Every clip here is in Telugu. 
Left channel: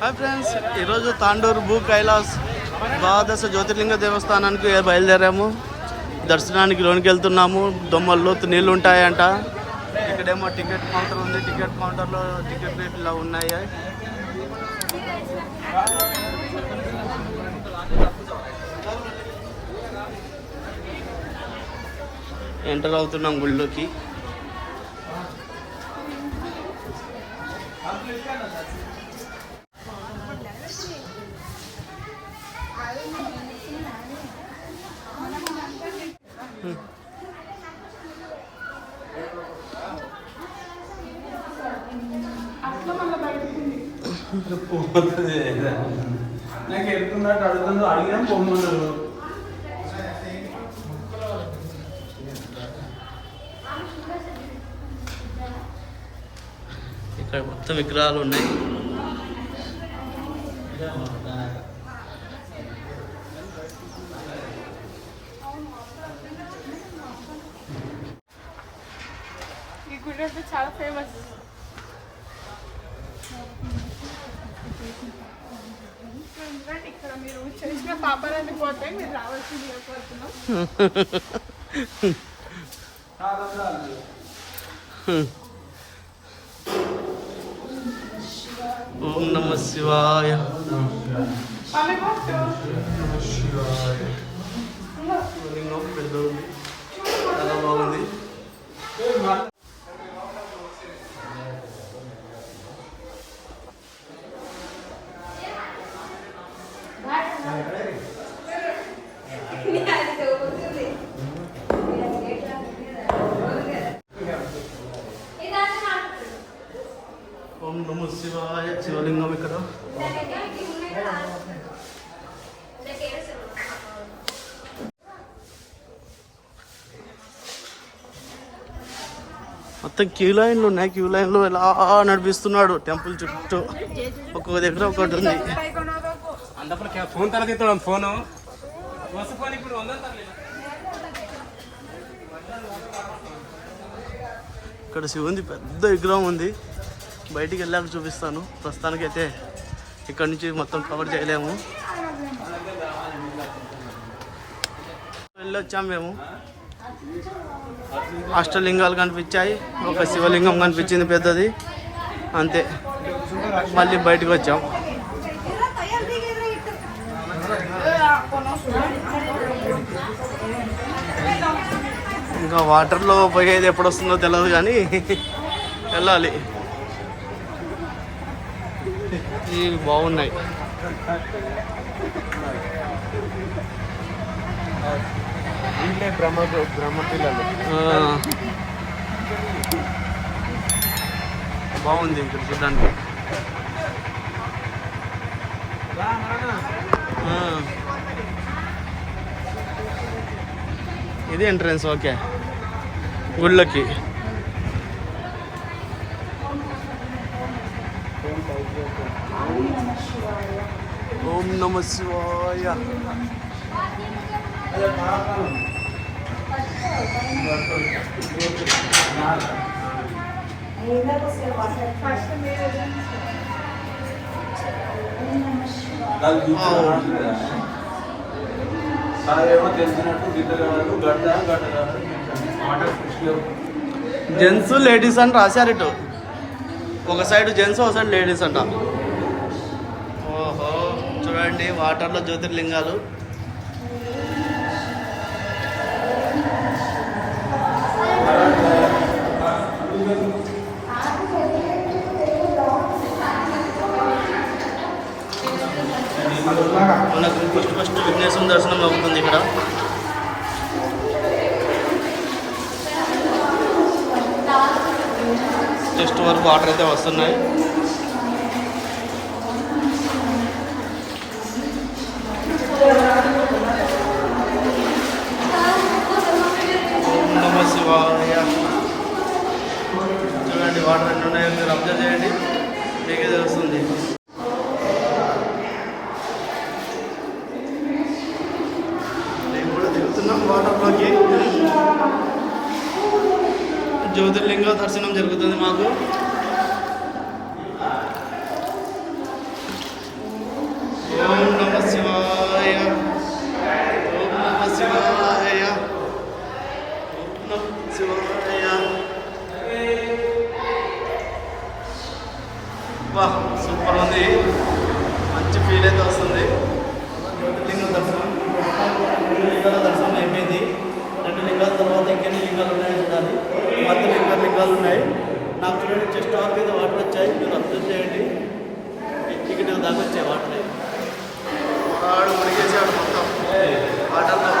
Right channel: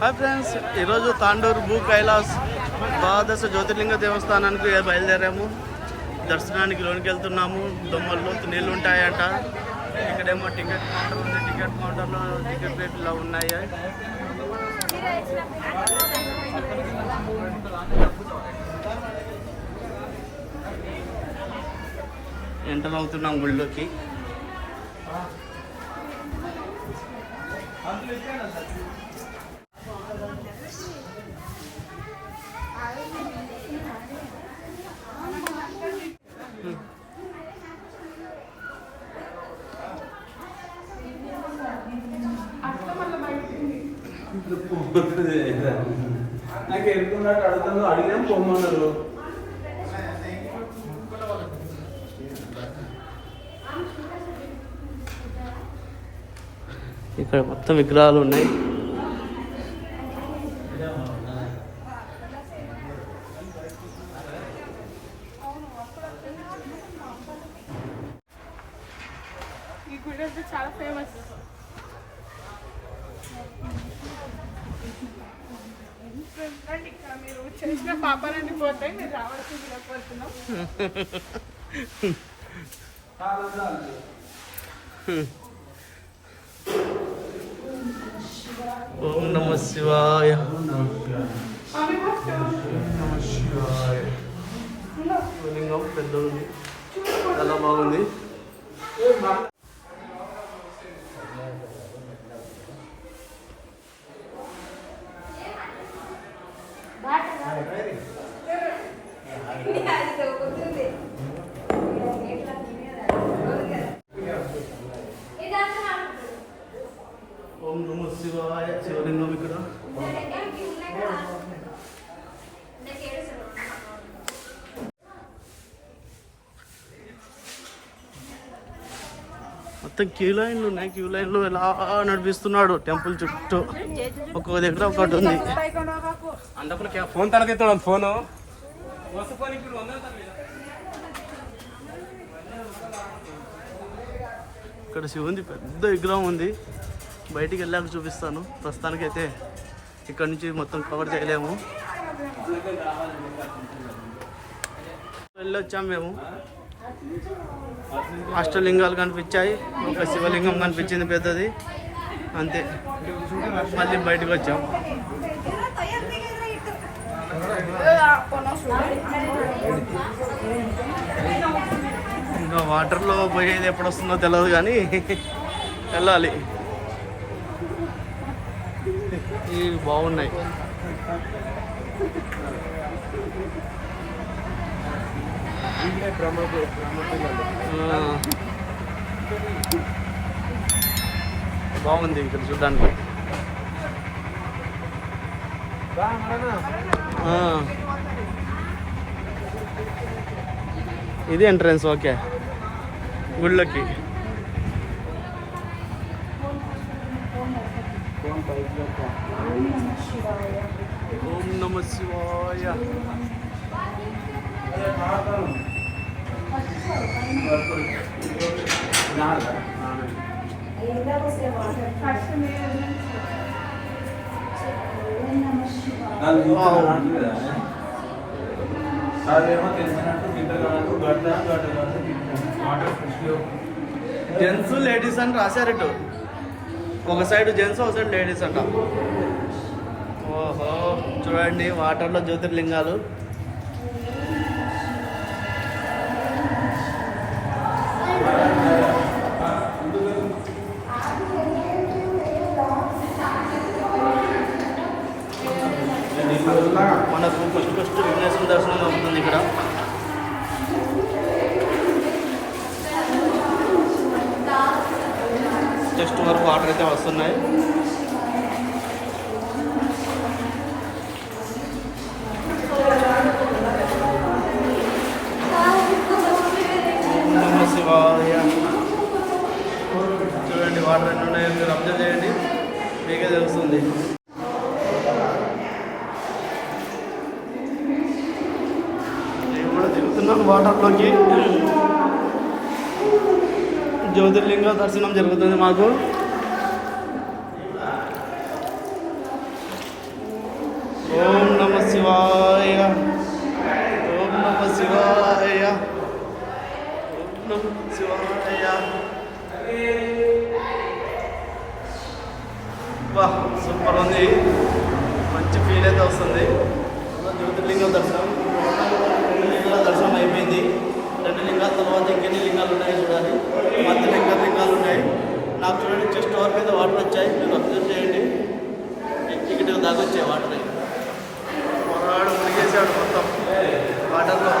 హాయ్ ఫ్రెండ్స్, ఈరోజు తాండూరు భూ కైలాస్ ద్వాదశ జ్యోతిర్లింగ దేవస్థానానికి బయలుదేరాము. దర్శనానికి లోనికి వెళ్తున్నాము. దొమ్మల్లో నీళ్ళు ఉంటాయంట. ఇక్కడేమో టికెట్ కౌంటర్ ఉంది. టికెట్ కౌంటర్లో టికెట్ రేట్లు ఇలా ఉన్నాయి. ఎంటర్ అవుతున్నాం గుళ్ళోకి. నాకు వెళ్తున్నట్టు అడుగుతున్నారు, అడిగినా పొమ్మన్నారు. ఇక్కడ మొత్తం విగ్రహాలు ఉన్నాయి. ఈ గుడి చాలా ఫేమస్. ఇక్కడ మీరు చేసిన పాపాలన్నీ పోతాయి. మీరు రావాల్సిందిగా కోరుతున్నాం. ఓం నమ శివాయ. లింగం పెద్ద ఉంది, చాలా బాగుంది. ఓం నమ శివాయ. శివలింగం ఇక్కడ. మొత్తం క్యూ లైన్లు ఉన్నాయి. క్యూ లైన్లో ఎలా నడిపిస్తున్నాడు టెంపుల్ చుట్టూ. ఒక్కొక్క దగ్గర ఒకటి ఉంది. ఫోన్ తల తీస్తున్నాం. ఫోన్ ఇక్కడ శివుంది పెద్ద విగ్రహం ఉంది. బయటికి వెళ్ళాక చూపిస్తాను. ప్రస్తుతానికైతే ఇక్కడ నుంచి మొత్తం కవర్ చేయలేము. వెళ్ళొచ్చాము మేము. అష్టలింగాలు కనిపించాయి. ఒక శివలింగం కనిపించింది పెద్దది, అంతే. మళ్ళీ బయటకు వచ్చాం. ఇంకా వాటర్లో పోయేది ఎప్పుడు వస్తుందో తెలియదు, కానీ వెళ్ళాలి. ఇవి బాగున్నాయి. బాగుంది ఇక్కడ చూడడానికి. ఇది ఎంట్రన్స్. ఓకే, గుళ్ళకి. ఓం నమ శివాయ. జెంట్స్ లేడీస్ అని రాశారు ఇటు. ఒక సైడ్ జెంట్స్, ఒక సైడ్ లేడీస్ అంట. ఓహో, చూడండి వాటర్లో జ్యోతిర్లింగాలు. మనకు ఫస్ట్ విఘ్నేశ్వర దర్శనం అవుతుంది ఇక్కడ. జస్ట్ వరకు వాటర్ అయితే వస్తున్నాయి. ఓం నమ శివాయ. చూడండి వాటర్ ఎన్ని ఉన్నాయో మీరు అబ్జర్వ్ చేయండి, మీకే తెలుస్తుంది. నేను కూడా దిగుతున్నాను వాటర్లోకి. జ్యోతిర్లింగ దర్శనం జరుగుతుంది మాకు. శివాయ ఓం నమ శివాయ ఓం నమ శివాయ. వా సూపర్ ఉంది, మంచి ఫీల్ అయితే వస్తుంది. జ్యోతిర్లింగం దర్శనం ఇక్కడ దర్శనం అయిపోయింది. 2 లింగాల తర్వాత ఇంకెన్ని లింగాలు ఉన్నాయో చూడాలి. మధ్యలో ఇంకా లింగాలు ఉన్నాయి. నాకు చూడండి చెస్ట్ వరకు అయితే వాటర్ వచ్చాయి, మీరు అబ్జర్వ్ చేయండి. ఇక్కడ దాకా వచ్చాయి వాటర్. పొరాడు మునిగేసాడు మొత్తం వాటర్లో.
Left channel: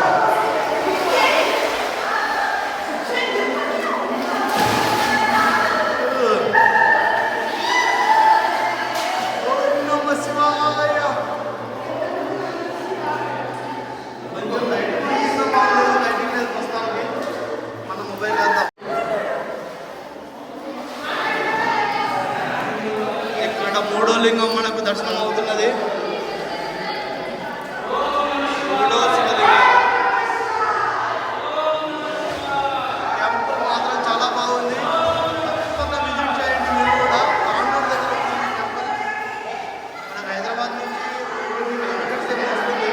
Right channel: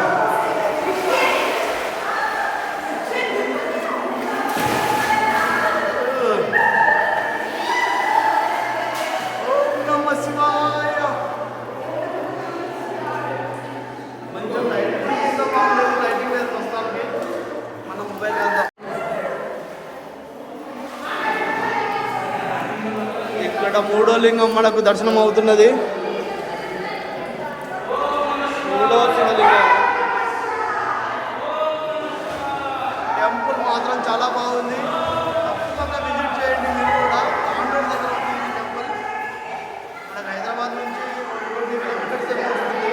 ఓం నమ శివాయ. కొంచెం లైటింగ్ బాగుండదు, లైటింగ్ లేదు ప్రస్తుతానికి. మన మొబైల్ వెళ్దాం. ఇక్కడ 3వ లింగం మనకు దర్శనం అవుతున్నది. 3వ శివలింగం. టెంపుల్ మాత్రం చాలా బాగుంది, తప్పకుండా విజిట్ చేయండి మీరు కూడా. తాండూరు దగ్గర ఉంది ఈ టెంపుల్. మనకు హైదరాబాద్ నుంచి 20 కిలోమీటర్స్ ఏమో వస్తుంది.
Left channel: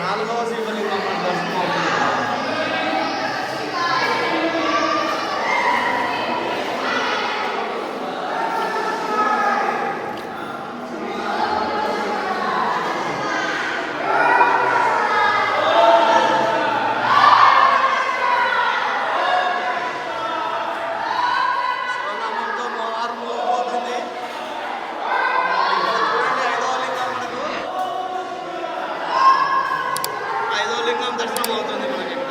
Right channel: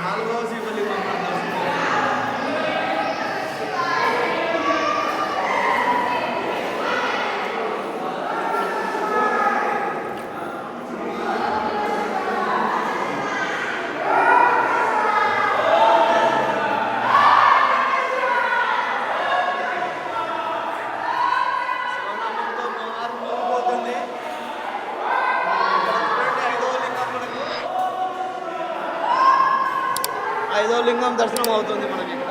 4వ శివలింగం మన దర్శనం అవుతుంది. శివనామంతో మోహారు మోగిపోతుంది. ఇక్కడ చూడండి 5వ లింగం మనకు. 5వ లింగం దర్శనం అవుతుంది మనకి ఇక్కడ.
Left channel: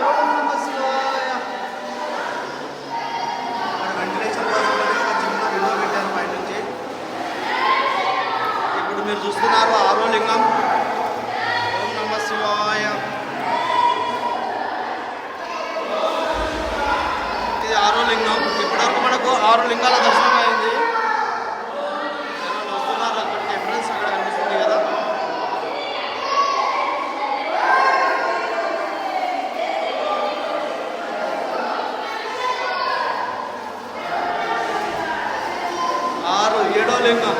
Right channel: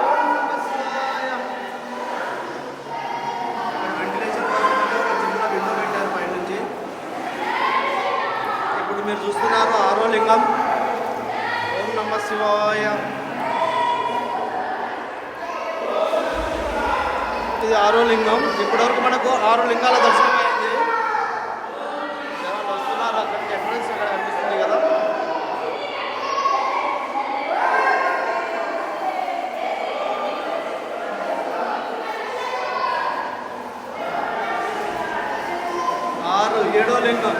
ఓం నమ శివాయ. ఇక్కడ వెంటిలేషన్ కోసం అని ఒక చిన్న విండో పెట్టారు పైనుంచి. ఇప్పుడు మీరు చూస్తున్నారు 6వ లింగం. ఓం నమ శివాయ. ఇది 6వ లింగం. ఇప్పటివరకు మనకు 6 లింగాల దర్శనం అయింది. జనాలు వస్తున్నారు, అక్కడికి ఎంట్రన్స్ అక్కడ కనిపిస్తుంది కదా. ఆరు 7వ లింగం.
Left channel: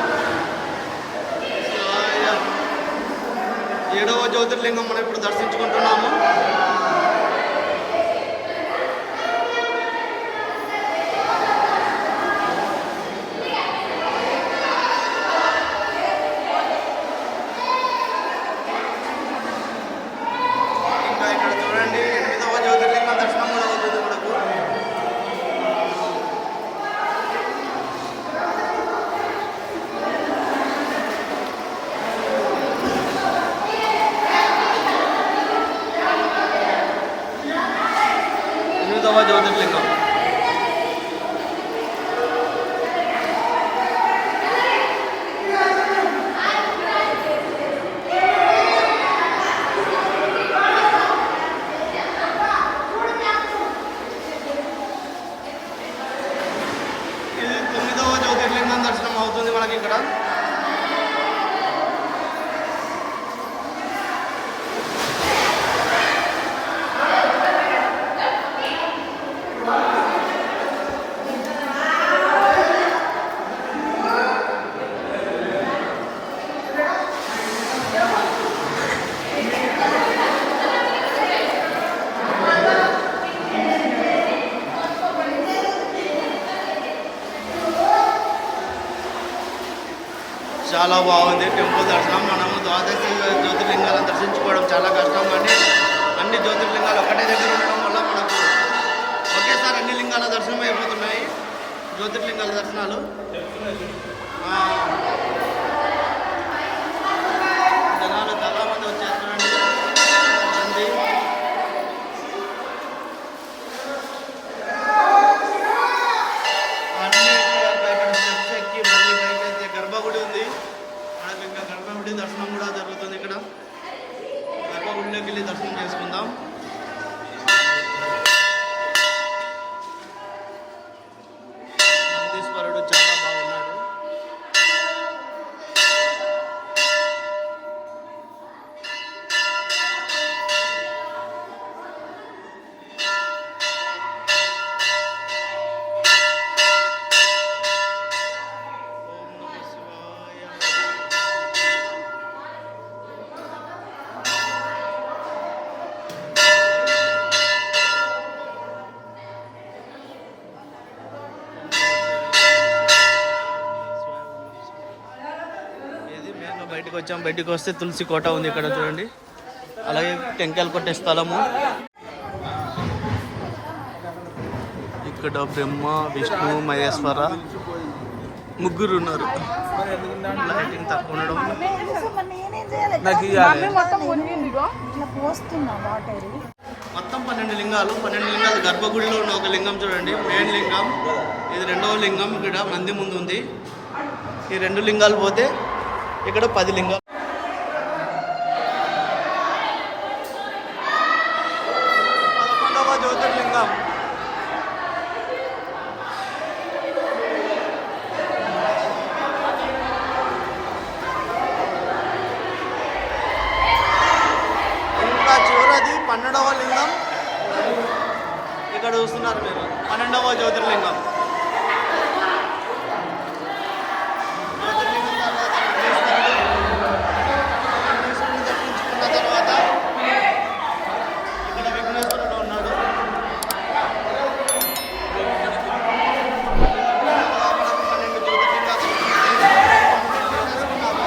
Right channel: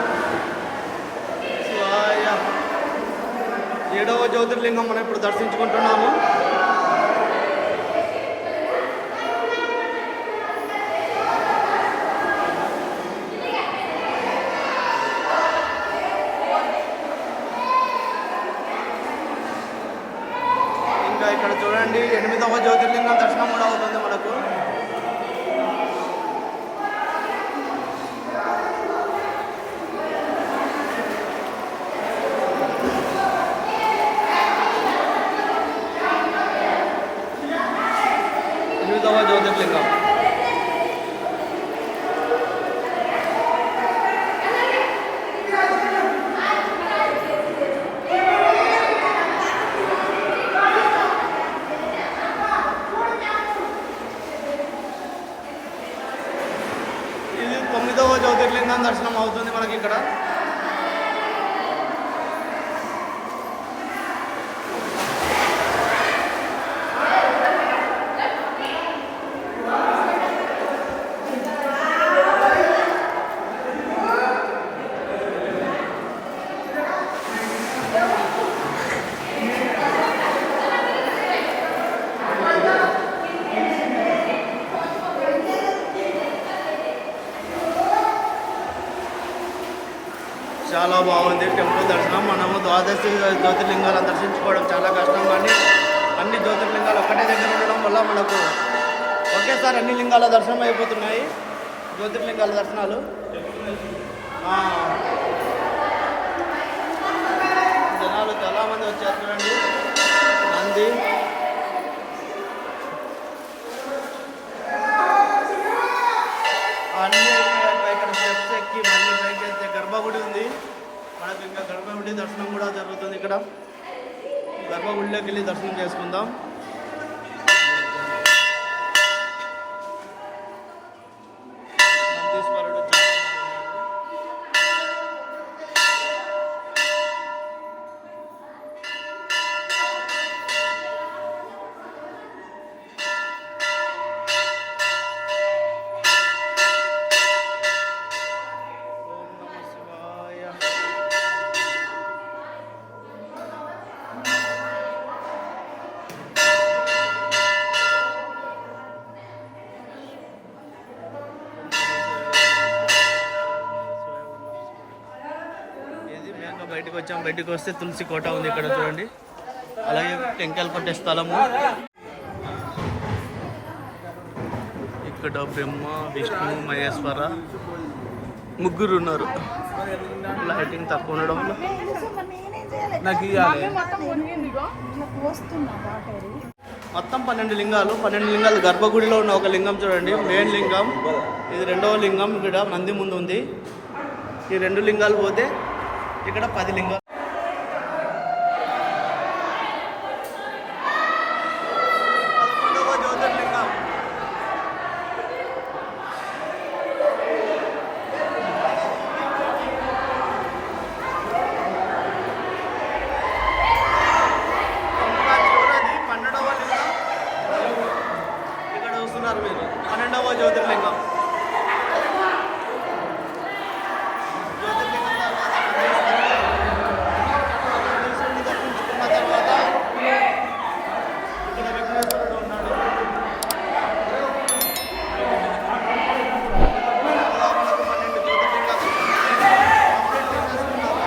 7వ జ్యోతిర్లింగం మనం ఇప్పుడు దర్శించుకుంటున్నాము. ఇంకా ఇక్కడ చూడండి 8వ జ్యోతిర్లింగం దర్శనం కూడా అవుతుంది మనకు. ఎనిమిదవ జ్యోతిర్లింగం. ఇది 9వ జ్యోతిర్లింగం దర్శనం అవుతుంది మనకి ఇక్కడ. చాలా బాగుంది టెంపుల్ దర్శనం. మనము ద్వాదశి జ్యోతిర్లింగాలను దర్శించుకోవడం చాలా కష్టం, కానీ అన్ని జ్యోతిర్లింగాలు ఒకటే దగ్గర ఉండడం వల్ల మనకు ఒకేసారి అన్ని లింగాల దర్శనం అయిపోతున్నాయి. జ్యోతిర్లింగాల దర్శనాలు. జనాలు చాలామంది వచ్చారు చూడండి. నంది, అన్నీ ఇక్కడ స్టెప్స్ ఎక్కి మళ్ళీ పైకి అయితే గర్భగుడి ఉంది మనకు. ఇంకా గర్భగుడి దర్శనం కూడా జరుగుతుంది ఇక్కడ. గర్భగుడిలోకి వెళ్ళి దర్శనం చేసుకుందాం. బయటకు వచ్చాం. బయటకు వస్తే తులసి కోట ఉంది ఇక్కడ చూడండి. అలాగే టెంకాయలు కొట్టే స్థలము. ఇక్కడ బ్రహ్మ, విష్ణు, మహేశ్వర ముగ్గురు ఉన్నారు. లైటింగ్ తక్కువ ఉండడం వల్ల మొత్తం 12 లింగాలు. 12 లింగాలు గర్భగుడిలో ఉన్న ఒక లింగం చూడండి, మెయిన్ లింగం. ఇది రెండవ లింగం. ఇక్కడ నంది ముందు ఉంది. ఈ 2 లింగాలు పోతే ఇక్కడ 10 లింగాలు. జ్యోతిర్లింగం ఇంకా చివరిది 12వ లింగం. ఇక్కడ చూస్తున్నారు మీరు 12వ జ్యోతిర్లింగం. జ్యోతిర్లింగం తర్వాత నందీశ్వరుని దర్శించుకున్న తర్వాత ఇక్కడ విఘ్నేశ్వరుడు ఉన్నాడు. మనకు 12 జ్యోతిర్లింగాలు కంప్లీట్ చేసేసుకున్నాము.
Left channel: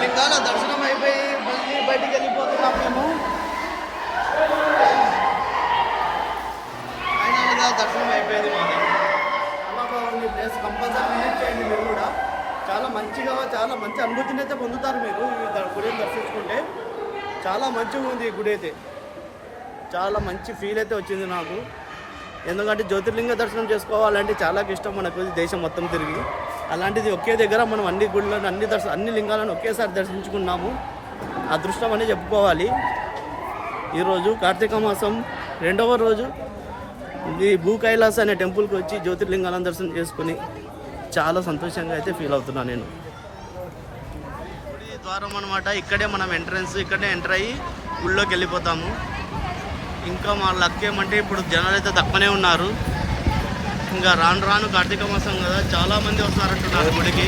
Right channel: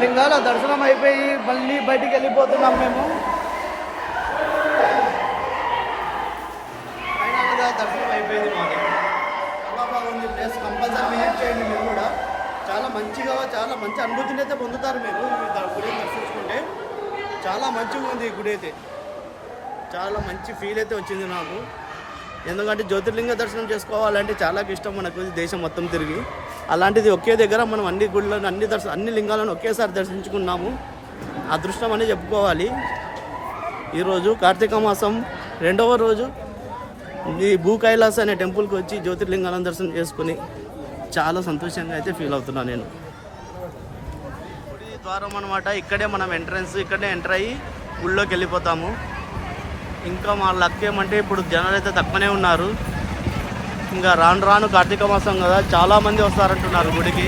లింగాల దర్శనం అయిపోయి మళ్ళీ బయటికి వెళ్ళిపోతున్నాం మేము. ఫైనల్గా దర్శనం అయిపోయింది మాది. చాలా బాగుంది ప్లేస్. కంపల్సరీ విజిట్ చేయండి మీరు కూడా. చాలా మంచిగా, చాలా మంచి అనుభూతిని అయితే పొందుతారు మీరు ఈ గుడిని దర్శించుకుంటే. చాలా మంచిగా ఉంది ఈ గుడి అయితే. చాలా మంచి ఫీల్ అయితే వచ్చింది నాకు. ఎందుకంటే జ్యోతిర్లింగ దర్శనం చేసుకోవాలంటే చాలా ఇష్టం మనకు, దేశం మొత్తం తిరిగి. అలాంటిది ఒకే దగ్గర మనం అన్ని గుళ్ళను, అన్ని లింగాలను ఒకేసారి దర్శించుకున్నాము. అదృష్టం అని చెప్పుకోవాలి. ఈరోజు కార్తీక మాసం 2వ రోజు ఈ భూ కైలాస అనే టెంపుల్కి వచ్చి జ్యోతిర్లింగాలను దర్శనం చేసుకుని చాలా సంతోషంగా అయితే ఫీల్ అవుతున్నాను నేను. గుడి ద్వారం అనమాట. ఇక్కడే మనం ఎంట్రన్స్, ఇక్కడే ఎంటర్ అయ్యి గుళ్ళోకి వెళ్ళిపోతాము. ఇంకా మా లక్ ఏమంటే ఇప్పుడు జనాలు అయితే తక్కువనే ఉన్నారు. ఇంకా రాను రాను కార్తీక మాసం కదా, చాలామంది వస్తారంటున్నారు గుడికి.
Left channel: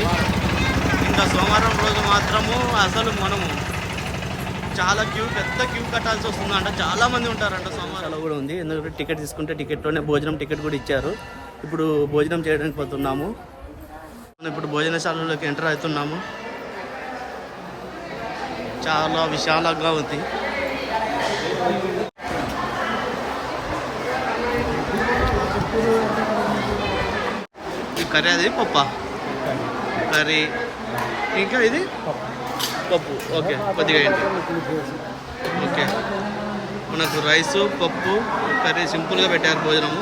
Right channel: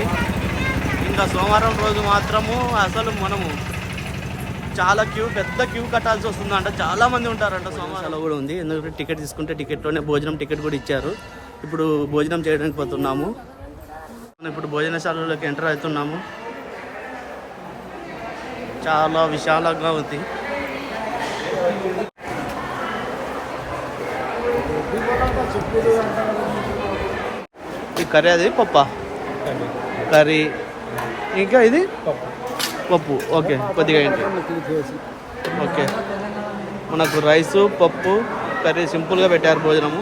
ఇంకా సోమవారం రోజు మాత్రము అసలు మనము చాలా పెద్ద క్యూ కట్టాల్సి వస్తుందంట. చాలామంది ఉంటారంట. సోమవారం కూడా ఉంది. ఎందుకంటే టికెట్ తీసుకుంటే టికెట్లోనే భోజనం టికెట్ కూడా ఇచ్చారు. ఇప్పుడు భోజనం చేయడానికి పోతున్నాము. ఇప్పుడు భోజనశాలలోకి ఎంటర్ అవుతున్నాము. చాలా విశాలంగా ఉంది. ఈ కర్రీ అది పప్పా? కర్రీ ఇంకా ఇది పప్పు. ఓకే, కొద్దిగా ఏంటి. ఓకే, మనకు రైసు, పప్పు, కర్రీ సింపుల్గా పెట్టారు భోజనము.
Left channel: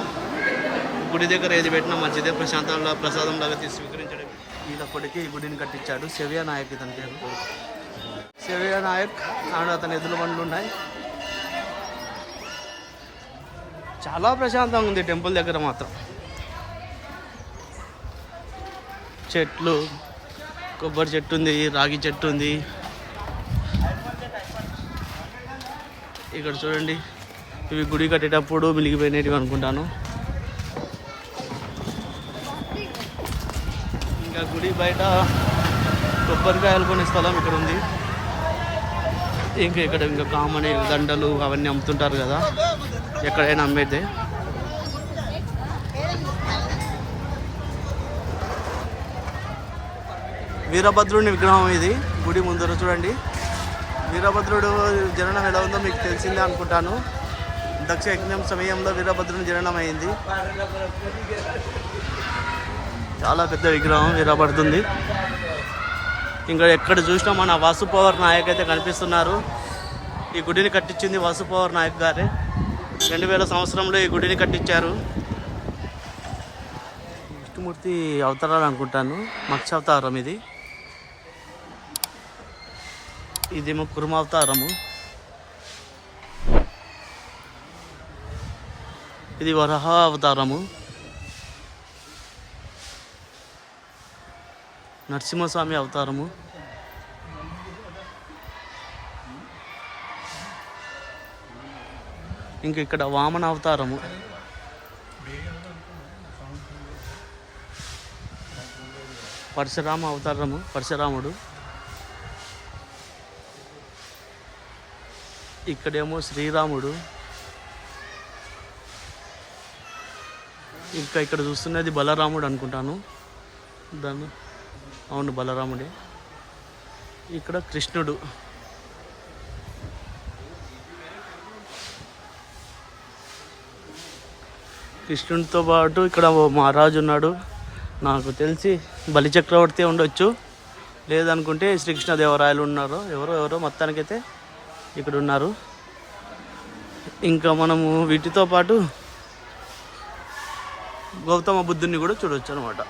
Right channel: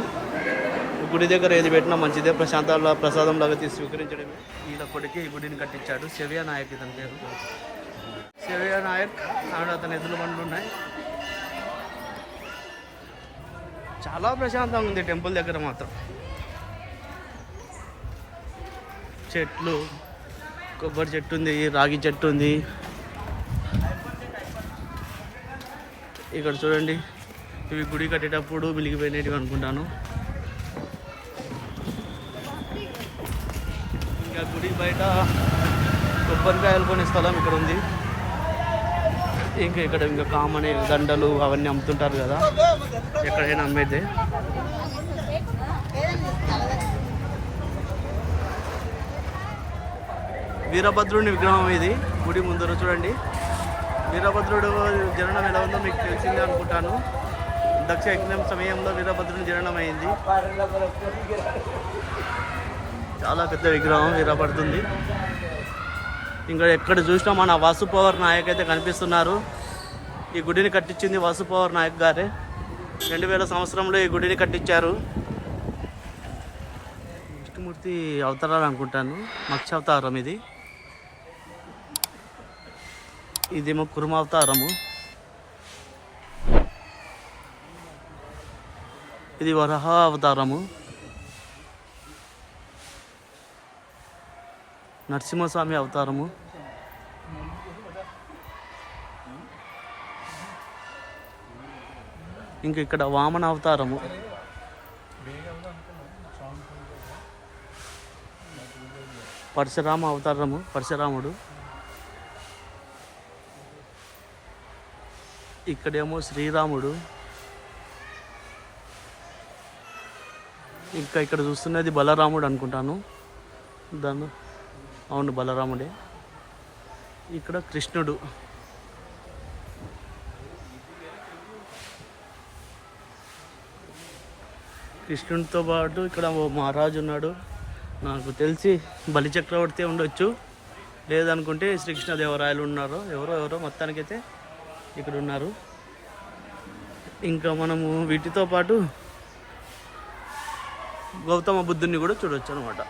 గుడి దగ్గర ఏది పెట్టినా మంచిదే. ప్రసాదం లాగా తీసి స్వీకరించడమే. ఈయన కొడుకు ఈ గుడిని కట్టించాడు. శవ్య నాయక్ ఇతని పేరు. శవ్య నాయక్. అండ్ అతని ఎద్దుల బండ్లు ఉన్నాయి. చాలా ప్రశాంతంగా ఉంది టెంపుల్ దగ్గర మాత్రం. చెట్లు, కొబ్బరి చెట్టు ఉంది, రాగి చెట్టు ఉంది. ఇక్కడ చూడండి, ఇవి గుడి కట్టేటప్పుడు మిలిగిపోయినవి అనుకుంటాను. ఇంకా గుడి బయట కొబ్బరికాయలు కొనే స్థలం ఇక్కడ ఉంది. ఇంకా ఇక్కడ ఇంకా కామన్ దండలు అవన్నీ అమ్ముతుంటారు కదా, ఎక్కడైనా అమ్మేదే. వీరభద్రుని విగ్రహం ఇది. గుడి ముందర చూడండి. వీరభద్రుడు జననం ఎలా ఉందో మీకు తెలిసిందే అనుకుంటాను. దక్ష యజ్ఞం సమయంలో వీరభద్రుని జననం అయింది. చాలా పెద్ద విగ్రహం వీరభద్రుంది. ఇంకా ఎక్కడ చూసినా మన వాసుపవర్ నాయక్ అయితే కనిపిస్తున్నారు. ఈ గుడిని కట్టించింది వాసుపవర్ నాయక్ గారే. 2000 సంవత్సరంలో ఈ గుడిని కట్టించారు. విష్ణుమూర్తి అవతారాలు అనుకుంటాను. మత్స్య అవతారం ఇది. ఇదేమో కుర్మ అవతారము. ఇది వరహ అవతారము. నరసింహస్వామి అవతారము. ఇంకా ఇక్కడ వామన అవతారము, పరశురామ అవతారము, పరశురాముడు. ఇక్కడేమో శ్రీరాముడు. ఇంకా ఇక్కడ చూస్తున్నది బలరాముడు అనుకుంటాను. దాన్ని అవును బలరాముడే. ఇక్కడ కృష్ణుడు. కృష్ణుడితో పాటు ఇక్కడ ఓ మహారాజు ఉన్నాడు. నాకు తెలిసి బలిచక్రవర్తి ఉండొచ్చు, లేదనుకుంటే శ్రీకృష్ణదేవరాయలు ఉన్నారు. ఎవరో మొత్తానికైతే ఇక్కడ ఉన్నారు. ఇంకా మనము వీటితో పాటు గౌతమ బుద్ధుని కూడా చూడొచ్చు అనమాట.